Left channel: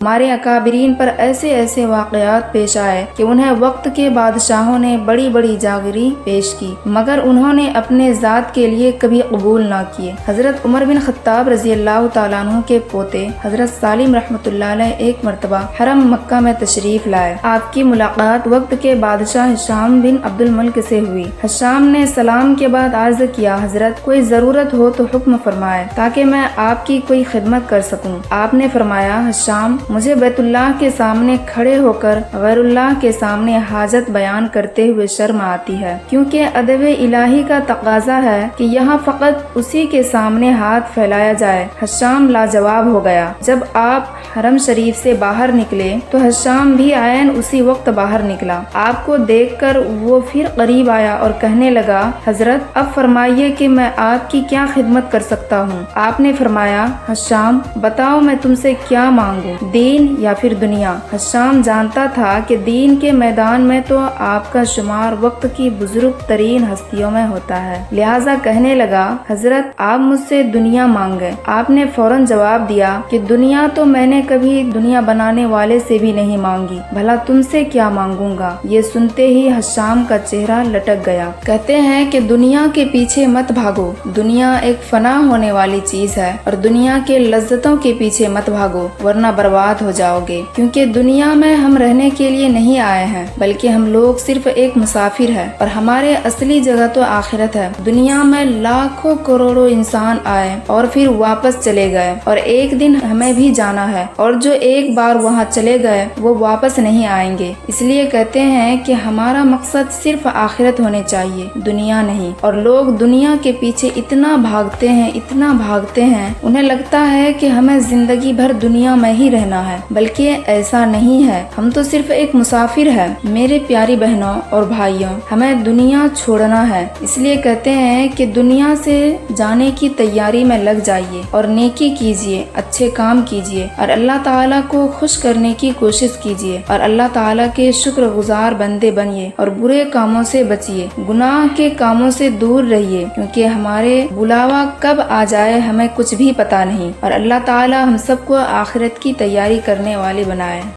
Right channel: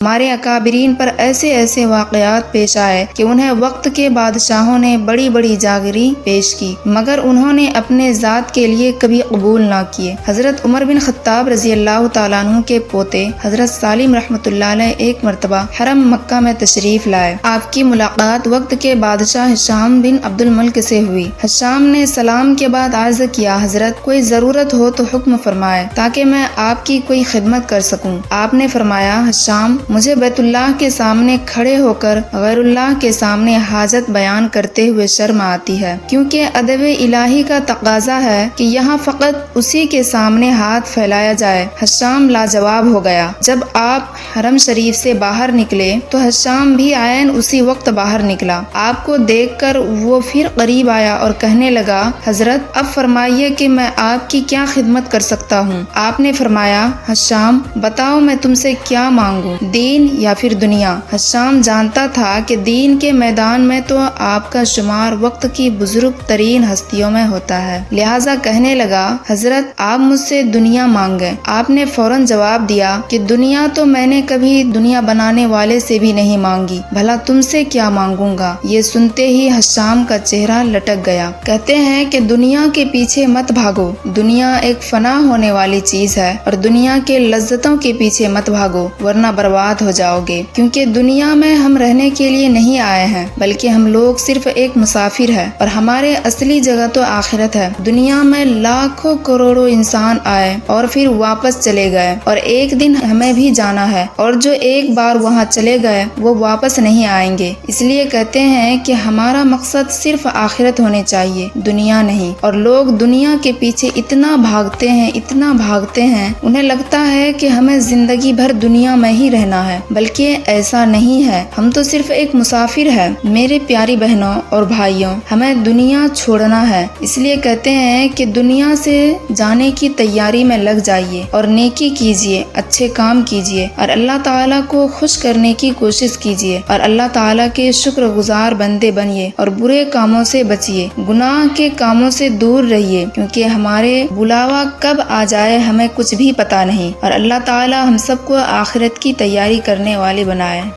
ہمارے اکابرین پر ایسے ایسے واقعات پیش آئے کہ انہیں وقت کے بادشاہوں نے بڑی بڑی جاگیریں پیش کی، مگر انہوں نے اپنے ذات کے لیے کبھی قبول نہ کیے۔ حضرت عمر بن خطاب رضی اللہ تعالیٰ عنہ کے پوتے حضرت سالم رحمۃ اللہ علیہ ایک مرتبہ حرم مکہ میں تشریف لائے۔ آپ کی ملاقات وقت کے بادشاہ ہشام بن عبد الملک سے ہوئی۔ ہشام نے سلام کے بعد عرض کیا، حضرت کوئی ضرورت ہو تو حکم فرمائے تاکہ میں آپ کی کوئی خدمت کر سکوں۔ آپ نے فرمایا، ہشام، مجھے بیت اللہ کے سامنے کھڑے ہو کر غیر اللہ کے سامنے حاجت بیان کرتے ہوئے شرم آتی ہے، کیونکہ ادب الہی کا تقاضا ہے کہ یہاں فقط اسی کے سامنے ہاتھ پھیلایا جائے۔ ہشام لاجواب ہو گیا۔ جب آپ حرم شریف سے باہر نکلے تو ہشام بھی عین اسی وقت باہر نکلا۔ آپ کو دیکھ کر وہ پھر قریب آیا اور کہنے لگا، حضرت اب فرمائیے کہ میں آپ کی کیا خدمت کر سکتا ہوں؟ آپ نے فرمایا، ہشام بتاؤ میں تم سے کیا مانگوں، دین یا پھر دنیا؟ ہشام جانتا تھا کہ دین کے میدان میں تو آپ کا شمار وقت کی بزرگ ترین ہستیوں میں ہوتا ہے، لہٰذا کہنے لگا، حضرت آپ مجھ سے دنیا مانگیں۔ آپ نے فوراً جواب دیا کہ دنیا تو میں نے کبھی دنیا بنانے والے سے بھی نہیں مانگی، بھلا تم سے کیا مانگوں گا؟ یہ سنتے ہی ہشام کا چہرہ لٹک گیا۔ کہتے ہیں کہ دنیا کے پیچھے مت بھاگو، دنیا ایک فنا ہونے والی چیز ہے، اور دنیا کے لذتوں کے پیچھے مت بھاگو ورنہ برباد ہو جاؤ گے، کیونکہ دنیا میں ہم رہنے کے لیے نہیں آئے ہیں، بلکہ ہم لوگ صرف ایک مسافر ہیں، اور ہمارے اصلی جگہ تو آخرت ہے۔ دنیا میں لاکھوں کروڑوں انسان آئے اور پھر واپس چلے گئے، اور ایک دن ہمیں بھی جانا ہے، اور جو ایک بار وہاں چلے گئے وہ واپس نہیں آئیں گے۔ اس لیے کہتے ہیں کہ ہمارا مقصد صرف آخرت ہونے چاہیے، دنیا نہیں۔ اور لوگ دنیا کے پیچھے اتنا بھاگتے ہیں، انہیں لگتا ہے کہ ہمیں زندگی بھر دنیا میں ہی رہنا ہے، بلکہ ایسا نہیں ہے، ہم تو صرف ایک مسافر ہیں۔ میرے پیاری بہنوں اور بھائیوں، ہمیں دنیا چھوڑنا ہے، اس لیے کہتے ہیں کہ دنیا سے جانے کی تیاری میں لگ جائیے اور نیکی کیجیے، اچھے کام کیجیے، اور اللہ تعالیٰ کو خوش کرنے کی کوشش کیجیے، اور اللہ تعالیٰ کے شکر گزار بندے بنیے، اور برے کاموں سے بچیے، گناہ کے کاموں سے دور رہیے، کیونکہ ہمارے بلاوا کب آ جائے ہمیں کچھ بھی پتہ نہیں، اور اللہ تعالیٰ ہم سب کو آخرت کی تیاری کرنے والے بنائے۔